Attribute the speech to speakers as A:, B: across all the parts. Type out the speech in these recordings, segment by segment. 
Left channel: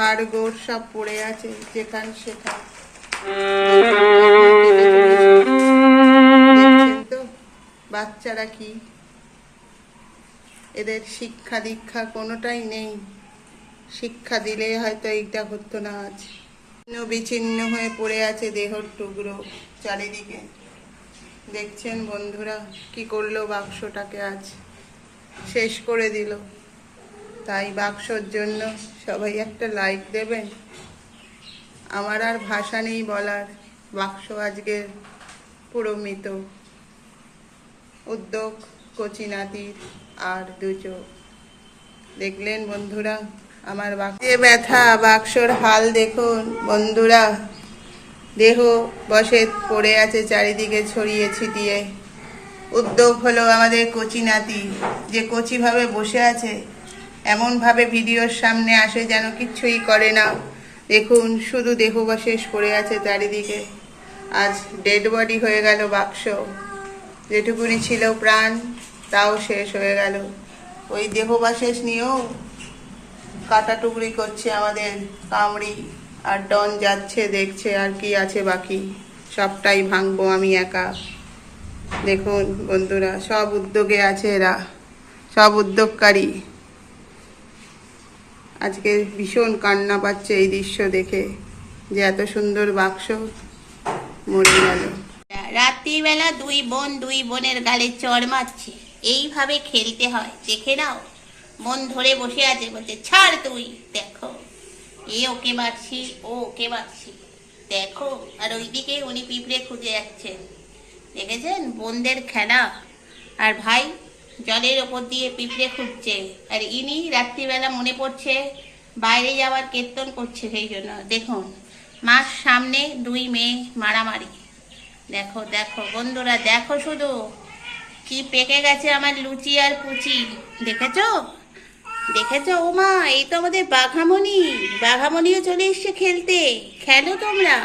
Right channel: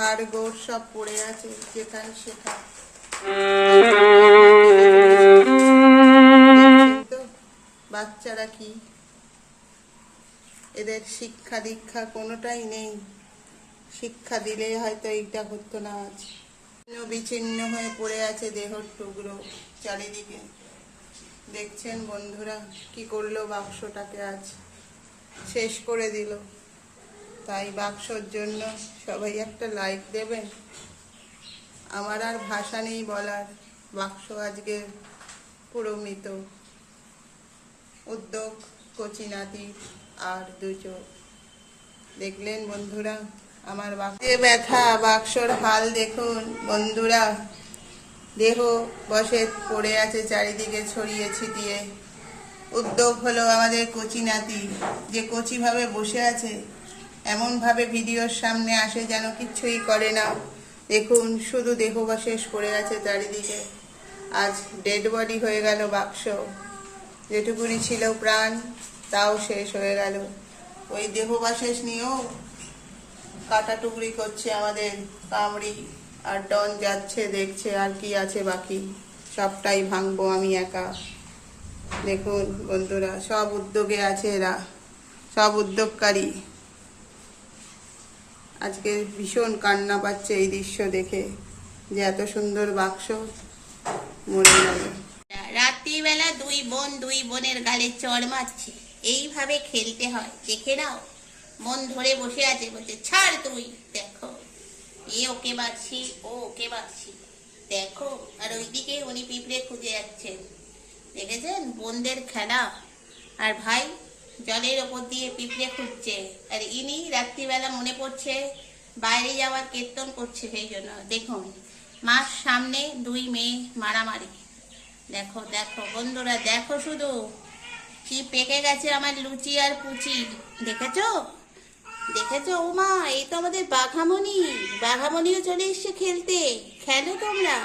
A: হাড় গোড় সব পড়ে আছে, যেখান সেখান। বাচ্চারা কি? এদের শিক্ষা দীক্ষা কোনোটাই নেই। শিক্ষা দিলে হয়তো এইটা হতো না আজ। ছিন্ন বিচ্ছিন্ন হয়ে পড়ে আছে দেহর টুকরো চারিদিকে। দেখছেন বন্ধুরা, কি করল বাক্সটাকে আজ? শেষ করে দিল। তাই বাক্সর জন্য সবাই একটা লাইক দেবেন। আমার আর ভাষা নেই বলার। বাক্স আজকে পুরো মৃত উদ্যোগ, কচি নাতির আর দুচো দেখলেন বন্ধুরা, আমার বাক্সে। ব্যথা, বাক্সর হাল দেখুন বন্ধুরা। দেহ বসে পড়ে আছে চারিদিকে ছড়িয়ে ছিটিয়ে। উদ্যোগ হলো আমাদের কচি নাতি। যে কচিভাবে বসে আছে এমনভাবে ভিডিওর সামনে আসে যেন কিচ্ছুই করে না। দেখুন, শুধু দেহবশেষ পড়ে আছে চারিদিকে। আজ ডেড বডি হয়ে গেল বাক্স। যেটুকুনি ছিল প্রাণ, তাও শেষ হয়ে গেল। ওই দেহবাশেষ নিয়েও কাটা টুকরি করছে আমাদের কামড়ি। আর ডন যাচ্ছে, দেখছে আর কি আছে বাকি। সবটাই ভাঙবো আমি একা। দেখুন বন্ধুরা, সব উদ্যোগে আছে এরা। সব উদ্যোগকারী। আজকে ভীষণ কান্না পাচ্ছে এই দৃশ্য দেখে, যে এত সুন্দর বাক্স মরে গেল।
B: রাত্রিবেলা দুই বোন দুই বোনের গালে চড় মারছে। এইভাবে খেলতে হয়, দেখে নাও। মন ধরে বসে আছে, বলছে, ছাড় তুই, দেখো। এ ওকে মারছি, ও ওকে মারছি, দেখো। আর ওইদিকে উনি পিঁপড়ে খুঁজে যাচ্ছেন। দেখেছেন? বোনদের খেলা। আর ভাই জলের ওপর দিয়ে পিঁপড়ে খুঁজছে। আর ইনি রাত্রিবেলা মনে পড়ছে, বাইরে যাওয়ার কীর্তন করছে সেই জন্য। দেখুন, মার সামনে দুই মেয়ে মারামারি। দেখো দেখো, বন্ধুরা, দেখো শুধু। কি পেকে গেছে আমার লুচি আর পুচি। দেখেছ? দেখেছ ও মা এই তো আমাদের বাঘামণি। বাঘামণিও চলে এসছে খেলতে। খেলো তোমরা।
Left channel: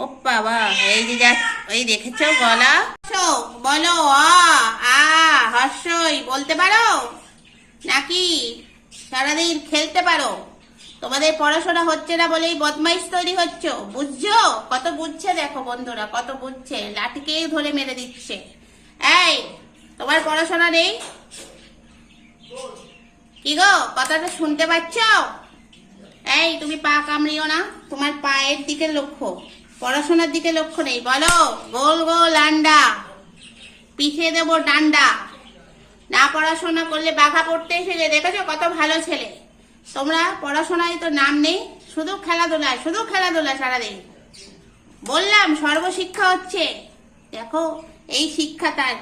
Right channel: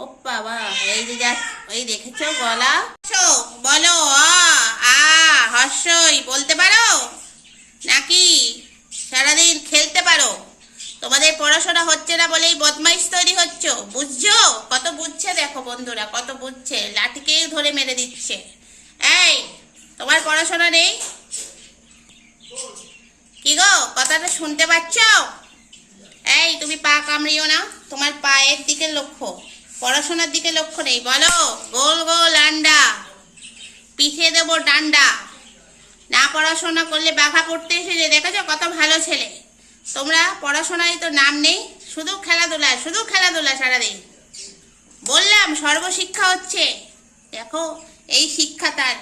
B: ও বাবা, এই যে যা ওই দেখেছ গলা? বলো আ হর্ষই বলতে পারো? নাকি সারাদিন খেলতে পারো? তোমাদের পড়াশোনা হচ্ছে না বলেই বদমাইশ তৈরি হচ্ছ, বুঝছ? কত বুঝছে দেখো বন্ধুরা, কত বুঝছে। লাঠিকেই ধরে মেরে দিচ্ছে। এই, তোমার পড়াশোনা নেই? কি গো, কথাটা শুনতে পাচ্ছ? এই, তুমি পা কামড়িও না, তোমার পায়ের দিকে লক্ষ্য। পড়াশোনার দিকে লক্ষ্য নেই, বলো। গোল গোল আন্ডা পিঠে দেবো ডান্ডা। না পড়াশোনা করলে বাঘা পড়তে এসেছে, দেখেছ কত ভালো ছেলে। তোমরা পড়াশোনায় তো নাম নেই, শুধু খেলাধুলা শুধু খেলাধুলা সারাদিন। বললাম, সর্বশিক্ষা হচ্ছে। দেখো, এই শিক্ষা তার,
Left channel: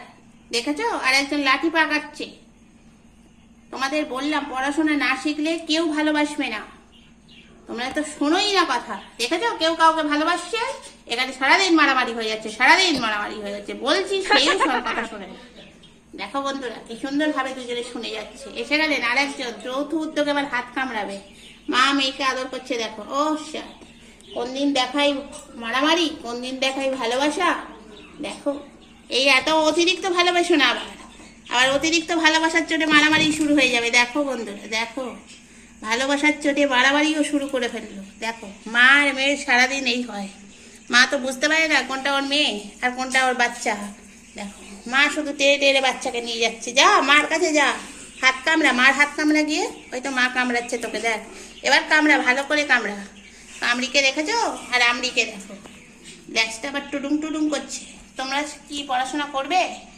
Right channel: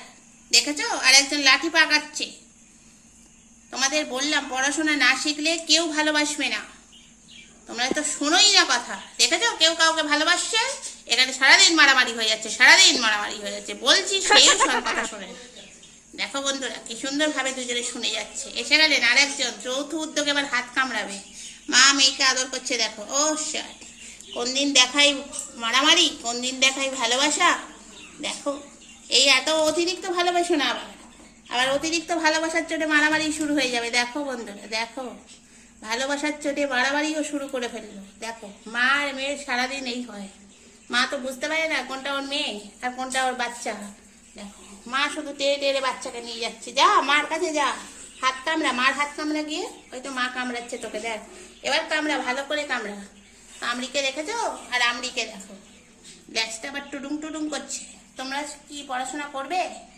B: দেখেছ? আর একজন লাঠি পাকাচ্ছে। তোমাদের বললাম, পড়াশোনা না শিখলে কেউ ভালোবাসবে না। তোমরা তো শোনোই না কথা। দেখেছ? কেউ কাউকে ভালোবাসছে? এখানে সারাদিন মারামারি হয়ে যাচ্ছে, সারাদিন মারামারি হয়ে যাচ্ছে। বলছি সেই কথা শোনে। না দেখো বন্ধুরা, কি সুন্দরভাবে দুজনে শুনে যাচ্ছে। এসে গেলেন আরেকজন, যৌথ উদ্যোগে আবার হাত কামড়াবে। মা মেয়েকে আদর করছে, দেখো, ও শাট কোন দিন দেখাই মারামারি, কোন দিন দেখাই ভালোবাসা, দেখো, এই এত অতিরিক্ত ভালোবাসো না আবার। আবার অতিরিক্ত ভালোবাসার চোটে মারামারি শুরু হয়ে যাবে, দেখো বন্ধুরা, দেখো। ভালোবাসার চোটে মারামারিও শুরু করে ফেলল, দেখো, মা আর মেয়ের সারাদিন এই হয়। মা তো বুঝতে পারে না কোনটা ওর মেয়ে আর কোনটা ওর বাচ্চা, দেখো। মা শুধু টেরে টেরে বাচ্চাকে নিয়ে যাচ্ছে। যা, মার কাছে যা। হাত কামড়া, মার হাত কামড়া গিয়ে, ওই তো মা কামড়াচ্ছে তোকে, দেখ। এবার কামড়া, ভালো করে কামড়া। কামড়িকে রেখেছো? আর আমরিকে দেখো। গ্যাসটা আবার টুডুং টুডুং করছে। তোমরা কি পড়াশোনা করবে?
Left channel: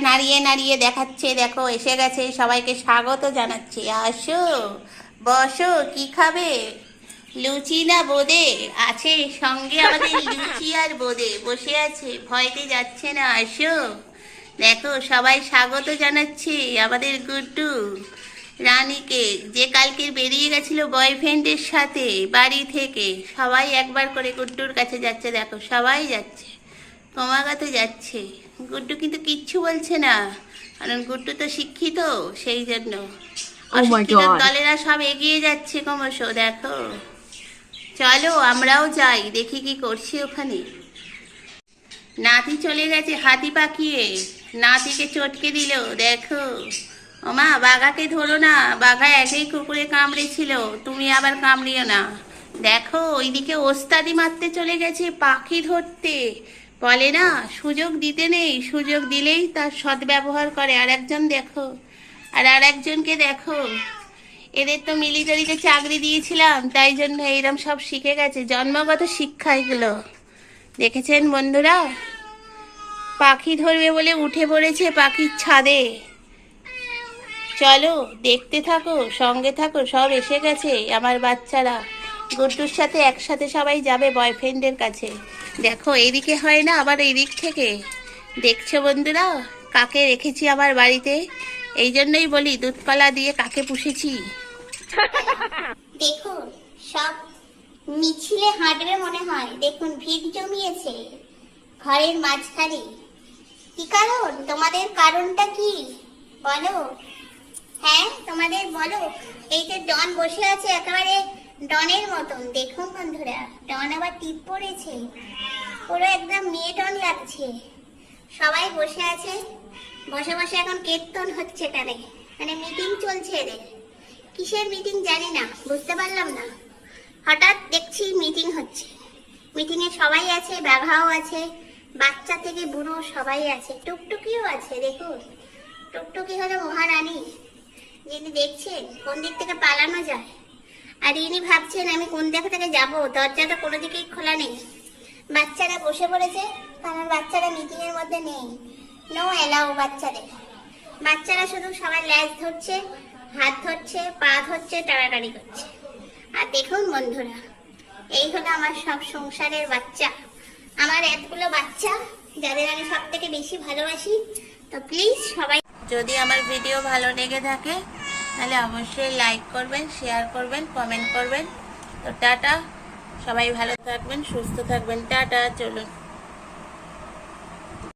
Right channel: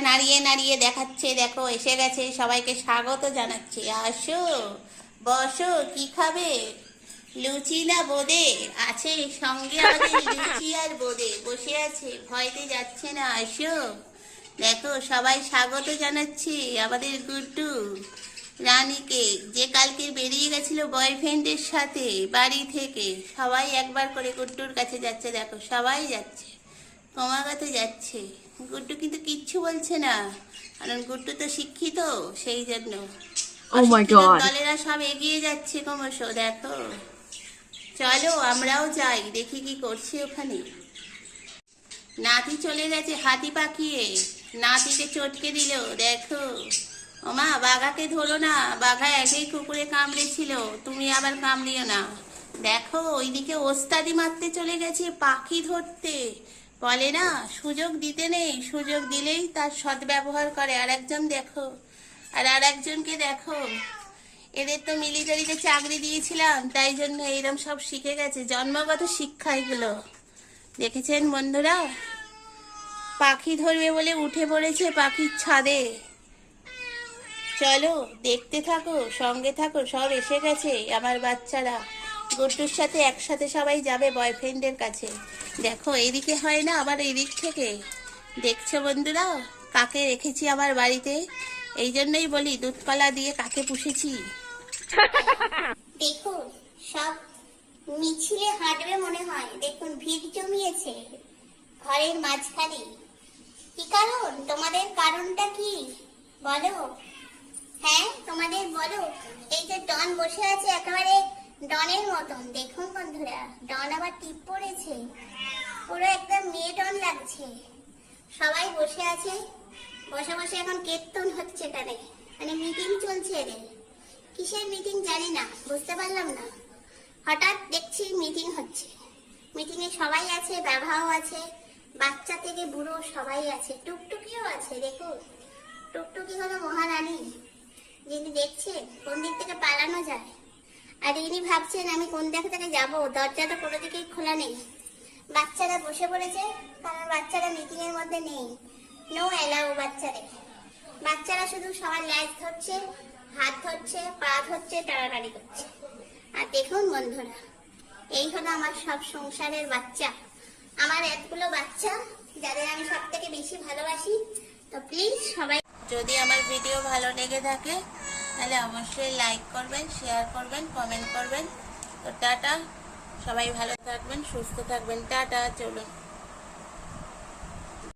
B: নাড়িয়ে নাড়িয়ে দেখাচ্ছে, দেখো, এসে গেছে। সবাইকে স্বাগত জানাচ্ছে। আসো, বসো, কি খাবে? লুচি না বোদে? আছে সঙ্গে আমাদের লুচি আর বোদে। বসে আছে ভয়তে যাচ্ছে না আসো দেখো সবাই স্বাগত জানাচ্ছে আমাদের গুড্ডু রানীকে। যে কালকে বেরিয়ে গেছিল বয়ফ্রেন্ডের সাথে বাড়ি থেকে সবাই একবার করে গুড্ডুর কাছে যাচ্ছে। দেখো সবাই যাচ্ছে ক্রমাগত যাচ্ছে। গুড্ডু কিন্তু কিচ্ছু বলছে না কারণ গুড্ডু তো শিক্ষিত সেই জন্য।
C: Oh
B: দলেরা সব এগিয়ে যাচ্ছে ক্রমশ দেখো। চলো আমরাও যাই, দেখি কি করছি ওখানে। নাতি চলে গেছে হাতি পাকিয়ে। নাতিকে চটকে দিল, দেখো। ওমা, বাঘাকে ধরো না, বাঘা একেই কুকুরে কামড়েছিল, তুমি আবার কামড়িও না। দেখো, ওইদিকে ওস্তাদি মারতে চলে গেছে পাখি ধরতে। বলে না, সুযোগ দিতে নেই, সুযোগ দিলেই তার সদ্ব্যবহার করে। আর একজন দেখো, আর আর একজনকে দেখো। এদের তো মিলিটারিতে চাকরি দিয়েছিলাম, তাই জন্য এইরকম সব শিখে গেছে। জন্মগত শিক্ষা এগুলো দেখেছেন বন্ধুরা? পাখি ধরবে বলে উঠে পড়েছে পাখির ছাদে। চলো, দেখতে থাকো, সঙ্গে থাকো, সব এসে গেছে আমার বাচ্চারা। গুড্ডুর সাথে একসাথে সবাই যাবে বয়ফ্রেন্ডের কাছে। দেখো এইদিকে হয় না, আবার এই দিক থেকে। দেখছ বন্ধুরা? কাকে রেখেছি আমার বাড়িতে? এই জন্যই বলি, দুধকলা দিয়ে কাকে পুষেছি?
C: দেখুন, সব মিছিলে হাঁটবে মনে হয়। দেখুন, ভিড় জমিয়েছে ঘরের মাঝখানে। কি কারণ? তোমাদের কারণটা কি? বলো। হ্যাঁ তোমাদের বলো। এই যে ডন বসে আছে একেবারে ডনের মতন। দেখুন বন্ধুরা, ডন আবার টিপ পড়েছে। পুরো একদম মেয়ে ডন লাগছে। সবাই বসে আছে। বসে বসে এখন কীর্তন হচ্ছে এখানে। মানে মিটিং চলছে এদের। কিসের মিটিং জানি না, বুঝতে পারলাম না। হঠাৎ দেখছি মিটিং হচ্ছে। মিটিংয়ে সবাই আছে বাঘাও আছে, বাচ্চা থেকে বুড়ো সবাই আছে, টুকটুকিও আছে, দেখো। টুকটুকি হলো মহারানী, যিনি দেখছেন, কোন দিক থেকে পালানো যায়। আর ইনি ভাবছেন, আমি কোন দিক থেকে যাব, দরজাটা কোনো দিকেই খোলা নেই। বাচ্চারা বসে পড়েছে, কারণ বাচ্চারা মিটিং এর মধ্যে নেই। নো অ্যালাউ বাচ্চাদের। বাচ্চারা শুধু সবার ল্যাজ ধরছে হাত ধরছে, পা ধরছে টাড়াটাড়ি করছে। আর দেখুন বন্ধুরা, এই হলো আমার সব সংসারের বাচ্চা। আমার এতগুলো বাচ্চা, যাদের আমি সব থেকে বেশি ভালোবাসি। তো প্লিজ সবাই
B: যদি আমার ভিডিও ভালো লেগে থাকে, তাহলে অবশ্যই লাইক করবেন শেয়ার করবেন কমেন্ট করবেন। তো টাটা, সবাই ভালো থাকবেন, সুস্থ থাকবেন। টাটা, চলুন।